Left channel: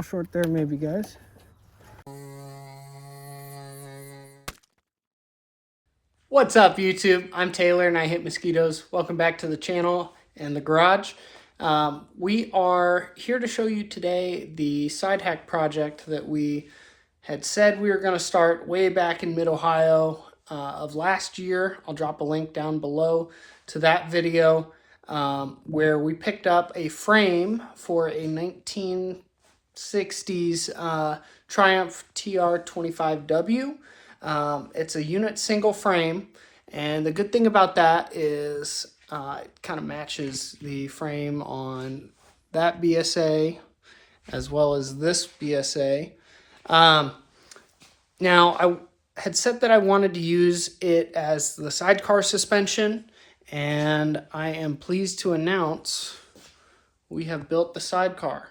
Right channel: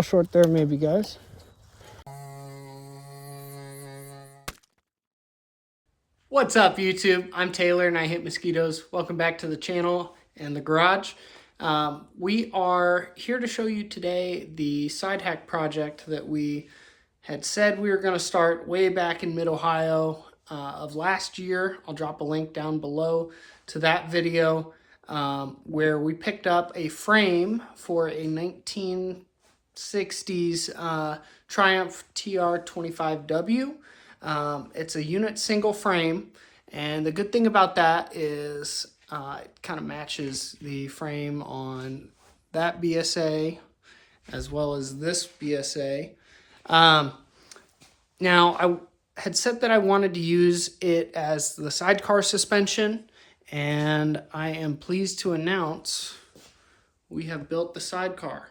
little short there maybe, guys. What's up, YouTube? I'm Taylor and I hit mosquitoes. Welcome back to the channel and the garage. We are here to show you today the Sidehack project that we had said we were going to start way back in Mid-Ohio of last year. I'll drop a link down below to that video where we picked up a frame for a 1960s Triumph TR25W. It's a unit single frame, and the good thing about that is it kind of matches the frame on that BSA as well as this BSA. Now, I had said that I wanted to use it as the sidecar suspension, and I am pleased to announce we have built the sidecar.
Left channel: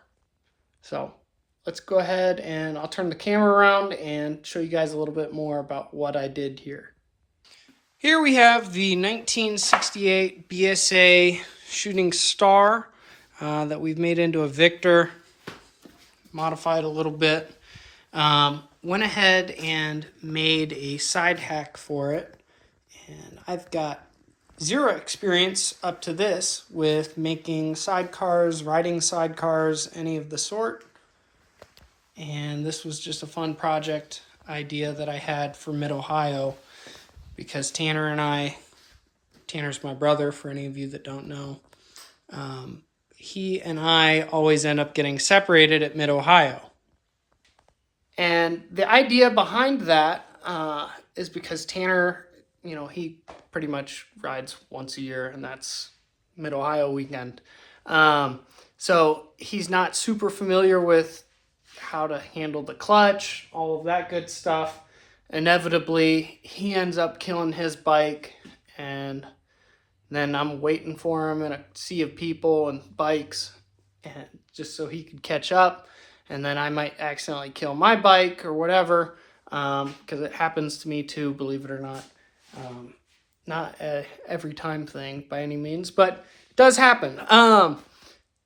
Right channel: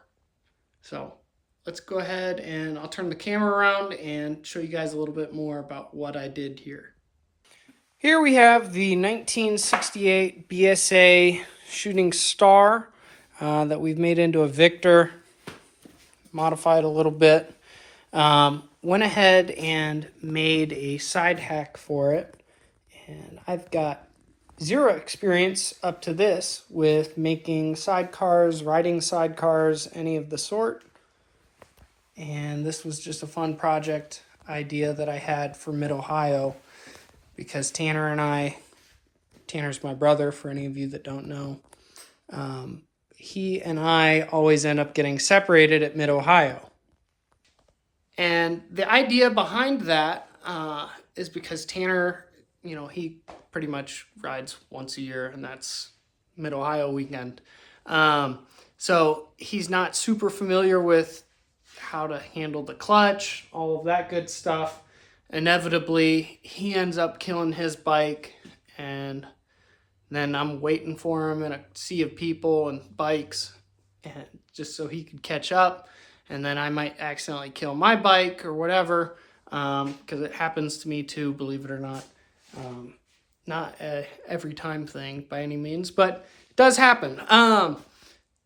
So let's go ahead and I'll turn the camera around and show you guys a little bit more about what I did here. Here we have the 1968 BSA Shooting Star that we've made into a Victor, modified a little bit. Went ahead and made a side hack for it, and I've got zero experience up to this with making sidecars, riding sidecars, any of the sort. And this was just a fun project idea that I had for Mid-Ohio because Tanner's my brother, for any of you that don't know. He and I always end up getting separated at Mid-Ohio. And the idea behind that is because Tanner, he pretty much rides once a year, and that's Mid-Ohio weekend. So he's not super familiar with how to handle the clutch, all of that good stuff. Inevitably, he ends up killing his bike, and then I'm waiting for him in a sea of people and bikes, and just so he could catch up. And then I might accidentally kill my bike or whatever, because it happens to me too, believe it or not. Not a every time thing by any means, but it does happen.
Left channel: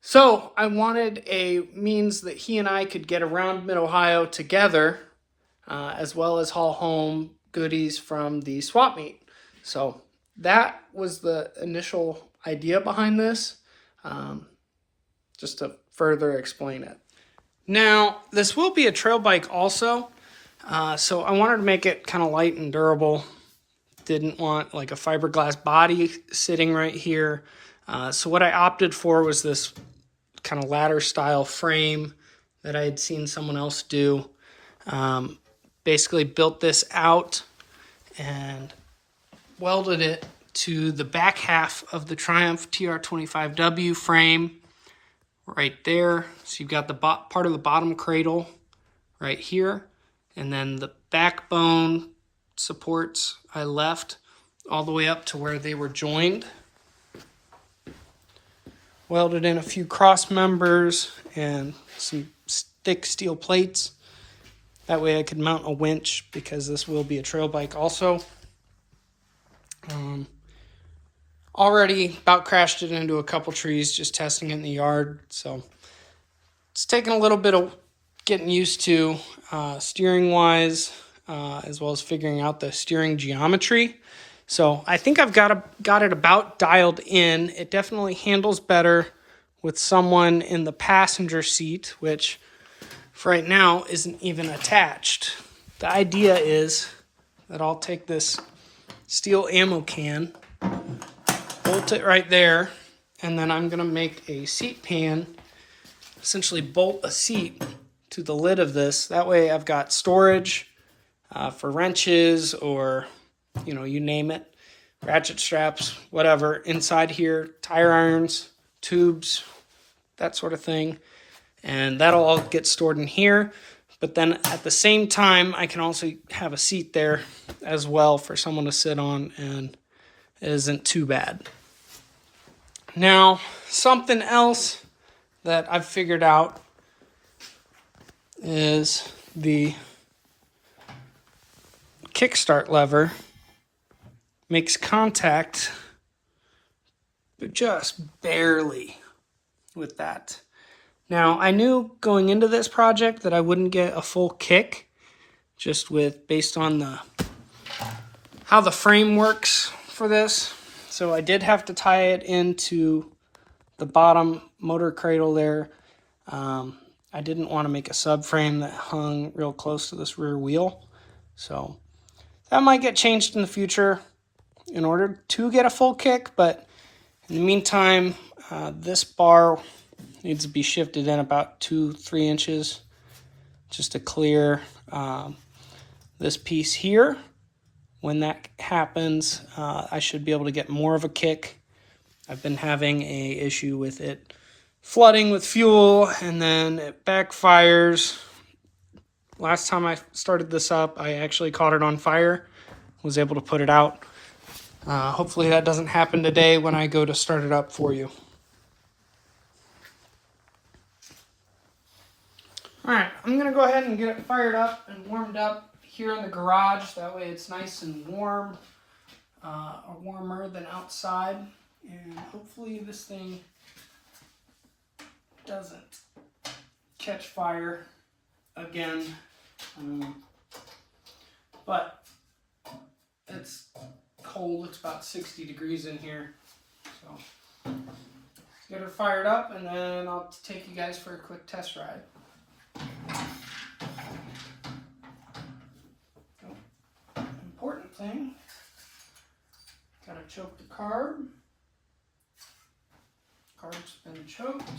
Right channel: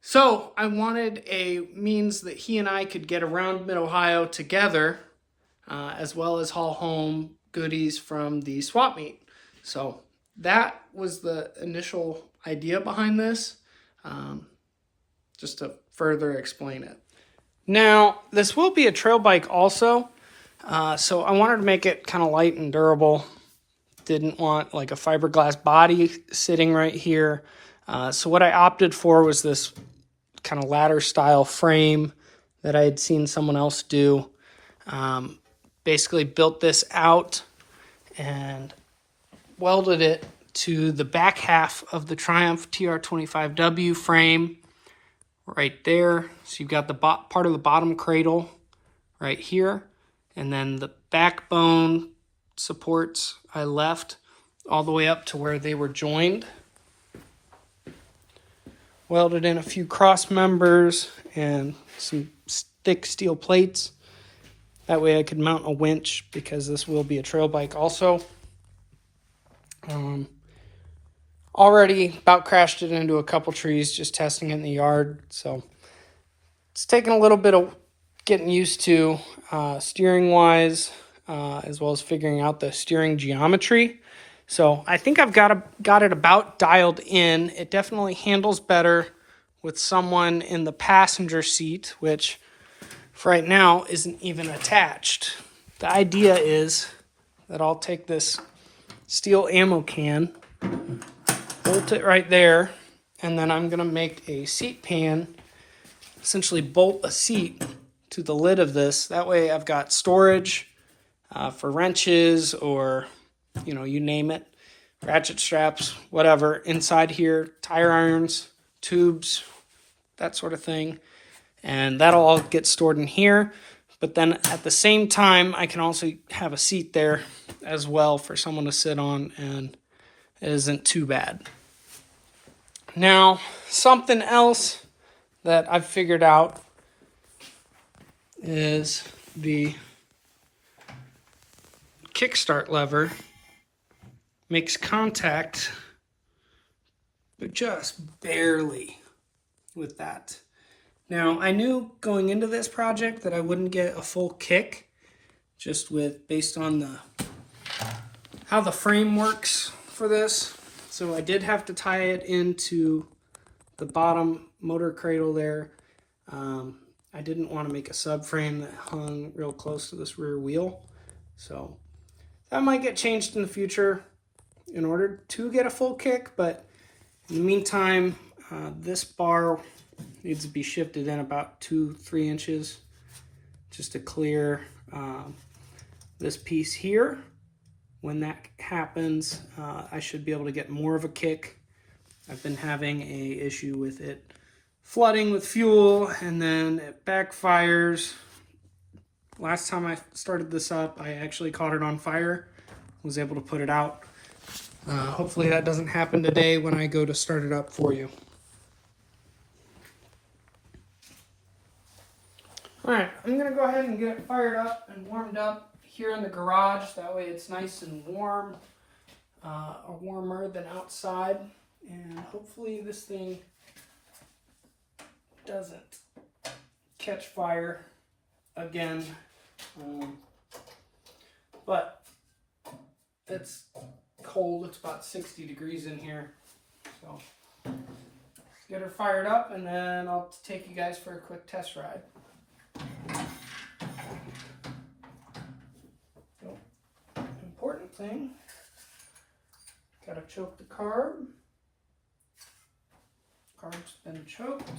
So I wanted a means that he and I could get around Mid-Ohio together, as well as haul home goodies from the swap meet. So that was the initial idea behind this, just to further explain it. Now, this will be a trail bike also, so I wanted to make it kind of light and durable. Didn't want like a fiberglass body sitting right here. So what I opted for was this kind of ladder style frame that I had seen someone else do. Basically built this out and welded it to the back half of the Triumph TR25W frame right there. So you've got the part of the bottom cradle right here, and then the backbone supports I left all the way up to where they were joined. Welded in a few cross members and some thick steel plates. That way I could mount a winch, because this will be a trail bike also. Already about crashed it into a couple trees just testing it in the yard. So it's taken a little bit of getting used to steering wise, as well as figuring out the steering geometry. So I think I've got it about dialed in. It definitely handles better with someone in the passenger seat, which for right now isn't even attached. The idea is that I'll take this steel ammo can, bolt it right there, and then I'm gonna make a seat pan, essentially bolt a seat to the lid of this. That way I've got storage for wrenches or, you name it, ratchet straps, whatever, inside here, tire irons, tubes, that sort of thing. And that'll all get stored in here. But then at the same time, I can also have a seat there as well for someone to sit on, and it isn't too bad. Now, something else that I've figured out is the Kickstart lever makes contact, but just barely with that. Now, I knew going into this project that I wouldn't get a full kick, just based on how the frame works for this. So I did have to tie it into the bottom motor cradle there. I didn't want to make a subframe that hung real close to this rear wheel. So that might get changed in the future in order to get a full kick, but in the meantime, this bar needs to be shifted in about 2-3 inches just to clear this piece here. When that happens, I should be able to get more of a kick. I've been having an issue with it flooding with fuel, and then it backfires. Last time I started this up, I actually caught it on fire, was able to put it out. Hopefully that doesn't happen today when I go to start it up for you. Alright, I'm going to go ahead and get it fired up and warmed up here in the garage. That way it's nice and warm, or warmer than outside. And hopefully this thing doesn't catch fire again. But it's cold. It's about 60 degrees in here. So let's get her fired up, and then I'll take you guys for a quick test ride. So, important thing, gotta choke the carb. Carb's been choked.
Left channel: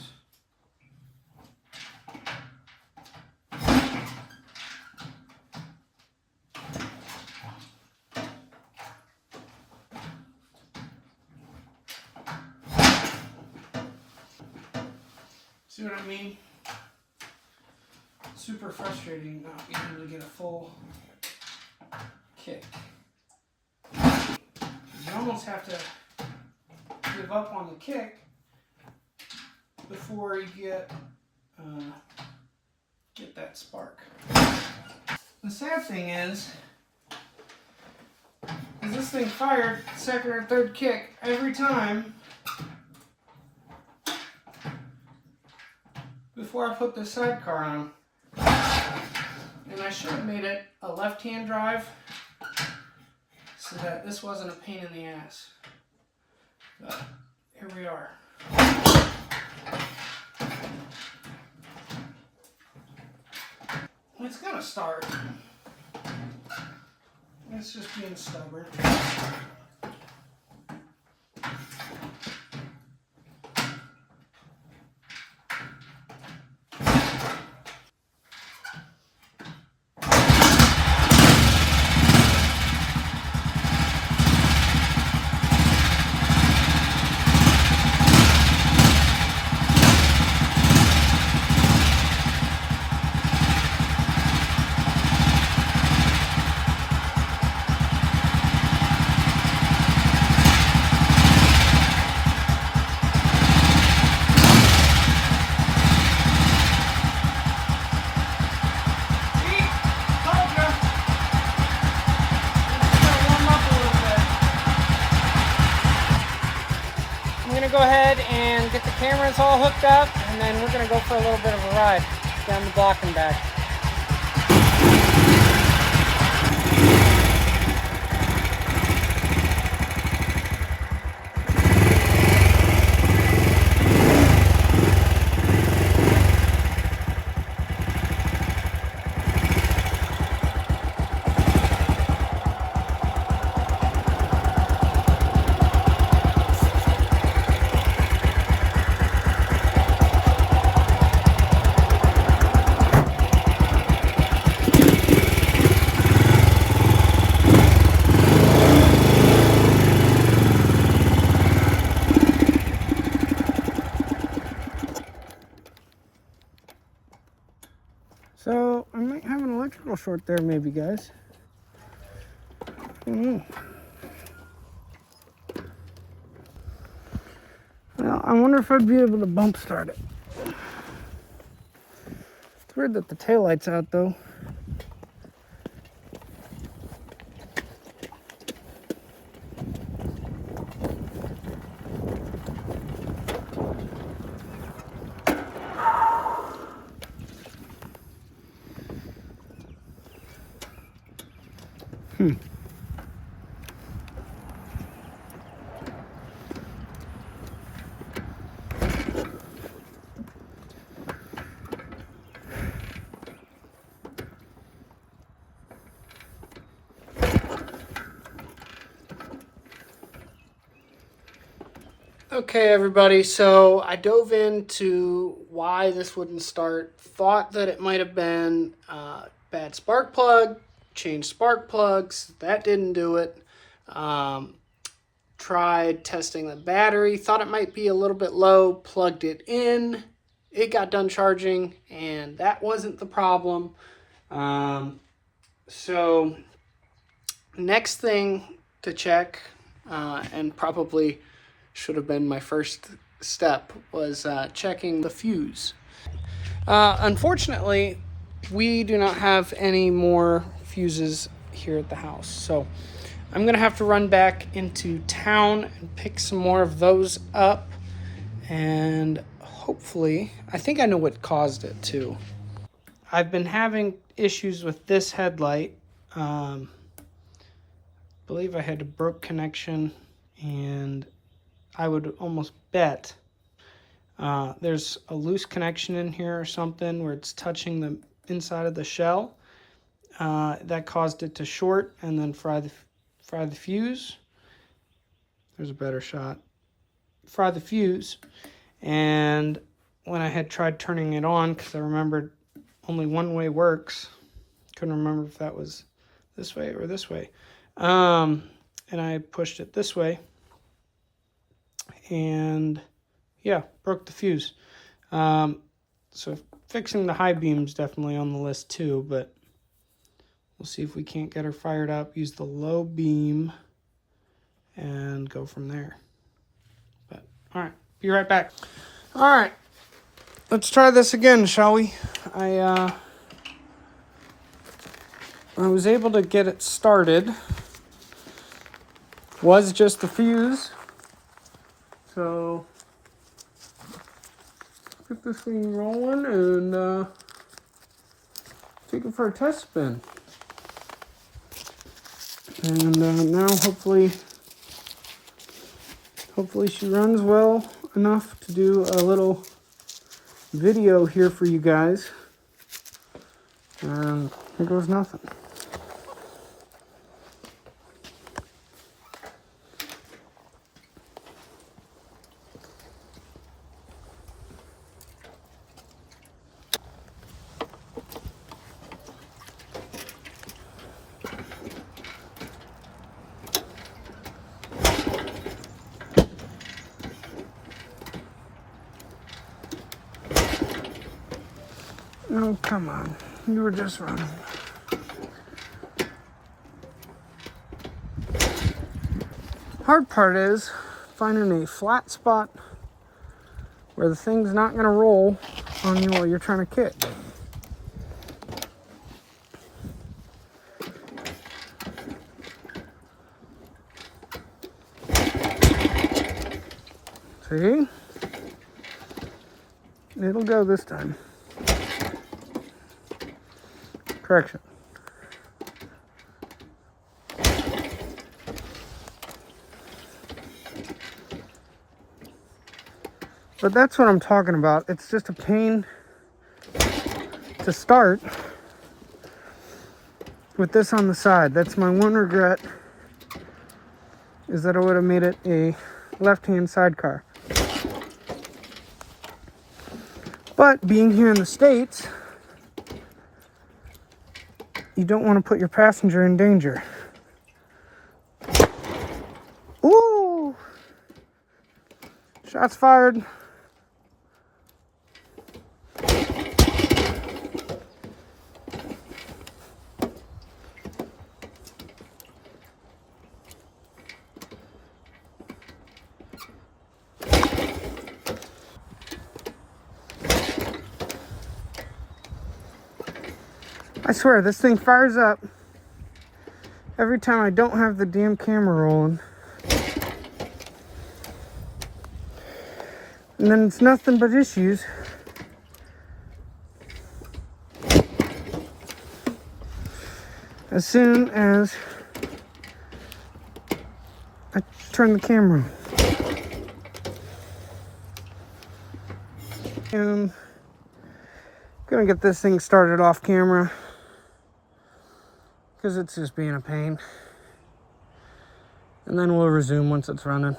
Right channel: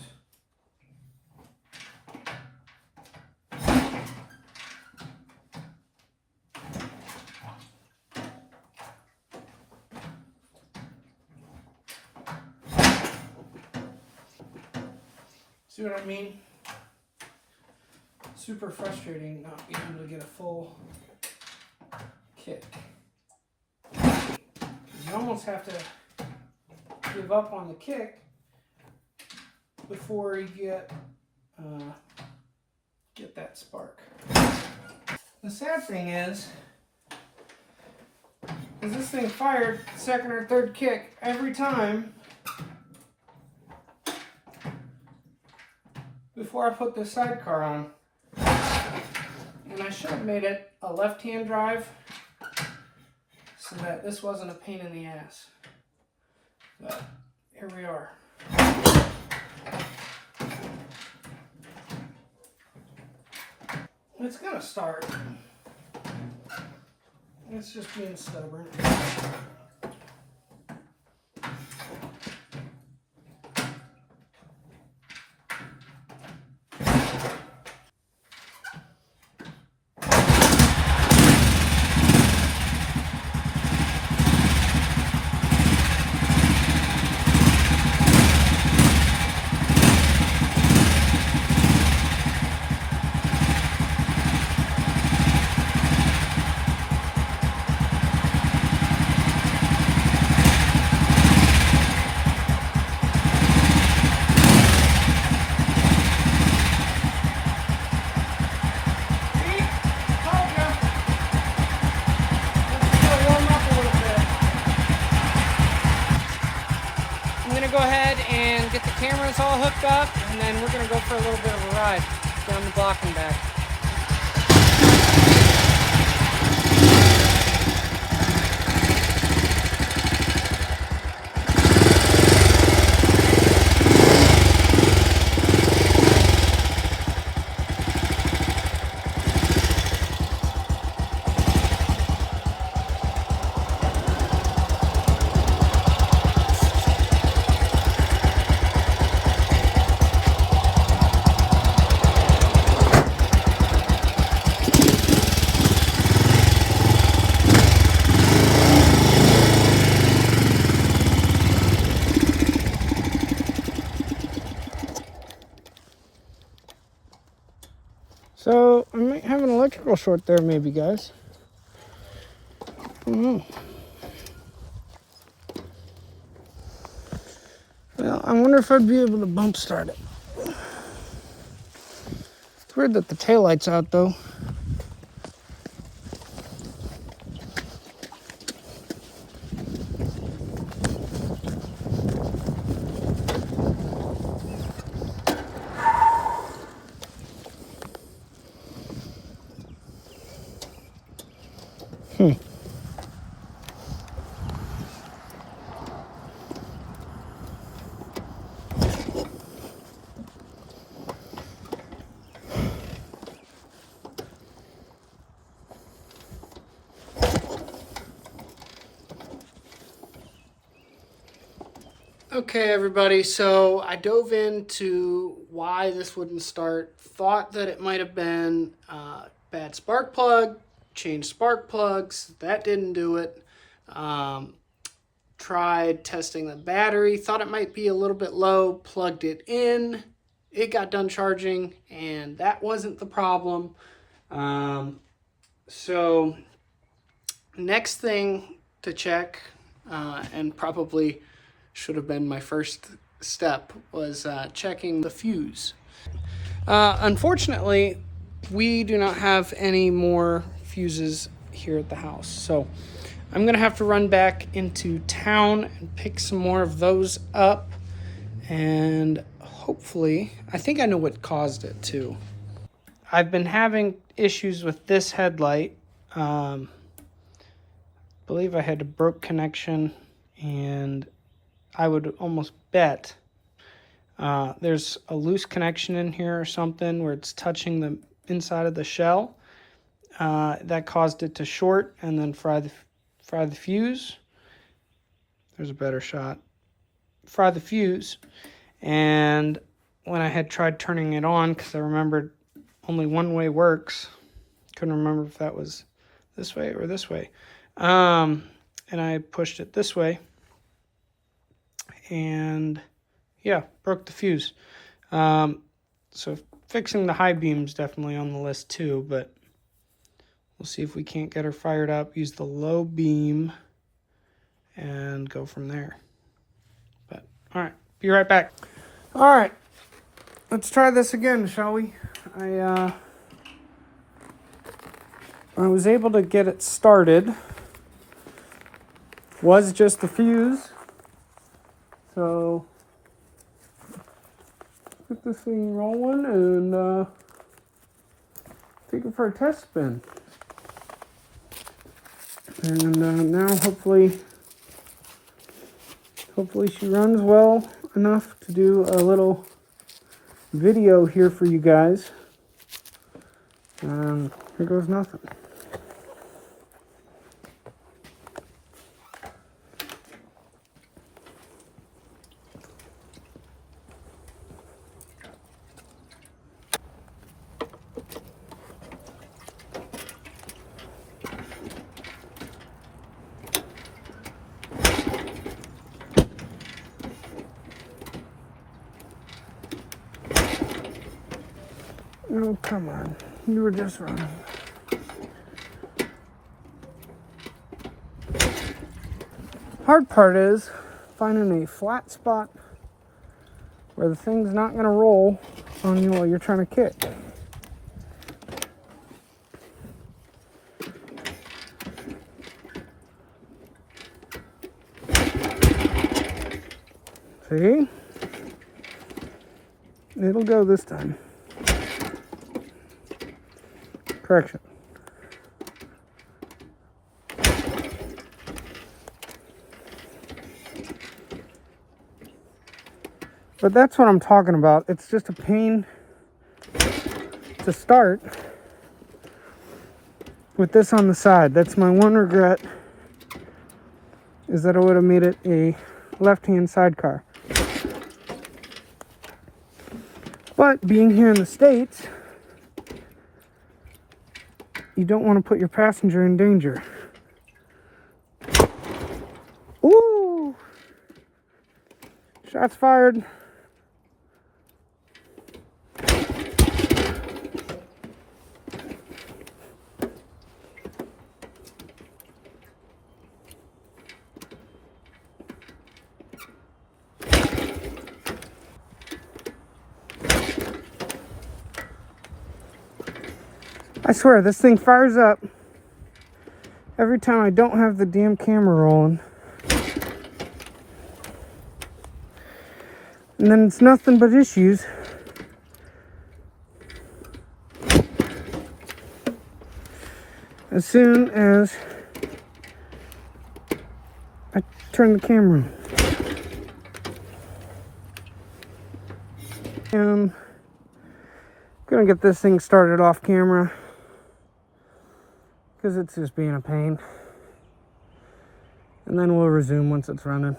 See what I mean? Super frustrating not being able to get a full kick. You almost have to give up on the kick before you get that spark. The sad thing is this thing fired second or third kick every time before I put the sidecar on. And I should have made it a left-hand drive so that this wasn't a pain in the ass. But here we are. It's gonna start. It's just being stubborn. Go ahead and get the cameras all hooked up, and then we're going to go for a little bit of a ride down the block and back. So, I might have an electrical short there maybe, guys. I don't know. Well, I wonder if I'd be able to bump start it. It's weird that the taillight's out though. Okay, everybody, so I dove into why this wouldn't start. Thought that it might have been bad spark plug, changed spark plugs. That didn't do it. Tried testing the battery, thought it might be a little bit low, plugged it in. It got done charging, and that wasn't the problem. So next thing to check, and probably should have been my first step, was checking the fuse. Unfortunately, we do not have any more fuses here at the house, so I'm going to have to run back into town and pick some more of those up, and hopefully, I think I know what caused it too. I've been having issues with this headlight. I believe I had a broke connection, and I would almost bet there's a loose connection in here or something where it's touching the inside of the shell. That caused it to short and then fry the fuse. There's a better shot. Fry the fuse. And when I had tried turning it on, because I remembered only one way works, couldn't remember if that was this way or this way. And I pushed it this way. And yeah, broke the fuse. So fixing the high beam is definitely on the list too, but we'll see if we can't get her fired up, use the low beam, and go from there. But all right, be right back. All right, let's try this again, shall we? I was able to get it started. Was just the fuse. So get this thing rolling and take it for a test spin. And now hopefully she runs well enough to do a little video here for you guys. And here goes nothing. Oh, come on. You were just running. Hard part is finding a flat spot where the thing's not going to roll on you while you're trying to kick. See? It'll go this time. Correction. But that's what I'm talking about. It's just a pain to start with this on the side. That's my one regret, is that I would have made it a left-hand sidecar. But being here in the States, you don't want to put your passenger in danger. Ooh! Shots fired. I swear, this thing fires up every time I don't have the damn camera rolling. And then it's nothing but issues. As soon as turn the camera. And I'm gonna get this thing started off camera because it's just being a pain. And then we'll resume once it's running.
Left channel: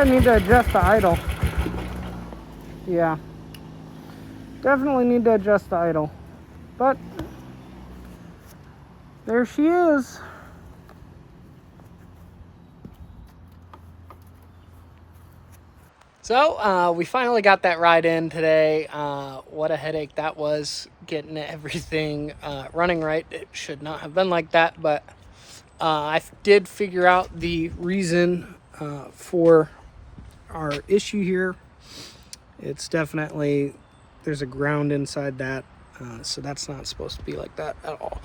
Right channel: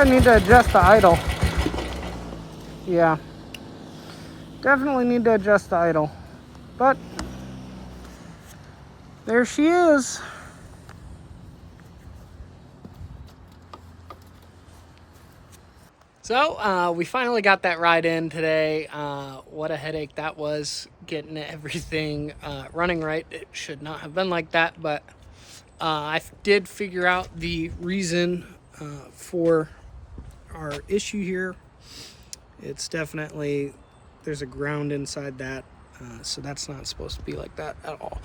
I need to adjust the idle. Yeah. Definitely need to adjust the idle. But there she is. So we finally got that ride in today. What a headache that was, getting everything running right. It should not have been like that, but I did figure out the reason for our issue here. It's definitely, there's a ground inside that, so that's not supposed to be like that at all.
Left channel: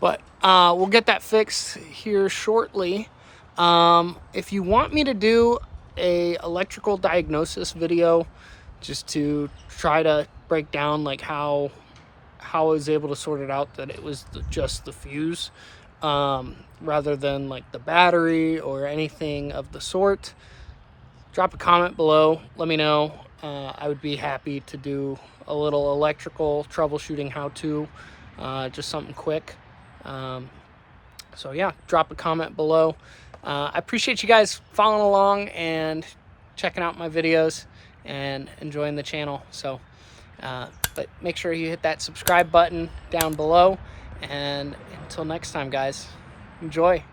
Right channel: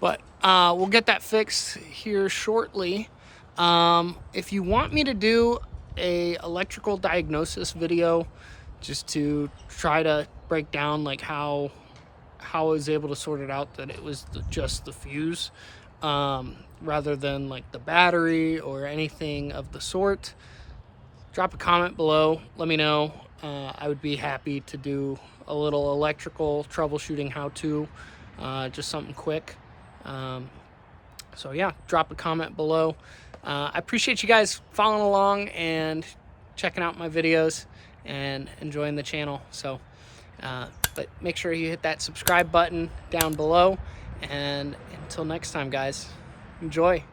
But we'll get that fixed here shortly. If you want me to do a electrical diagnosis video just to try to break down like how I was able to sort it out that it was just the fuse, rather than like the battery or anything of the sort, drop a comment below, let me know. I would be happy to do a little electrical troubleshooting how-to, just something quick. So yeah, drop a comment below. I appreciate you guys following along and checking out my videos and enjoying the channel. So, but make sure you hit that subscribe button down below. And until next time, guys, enjoy.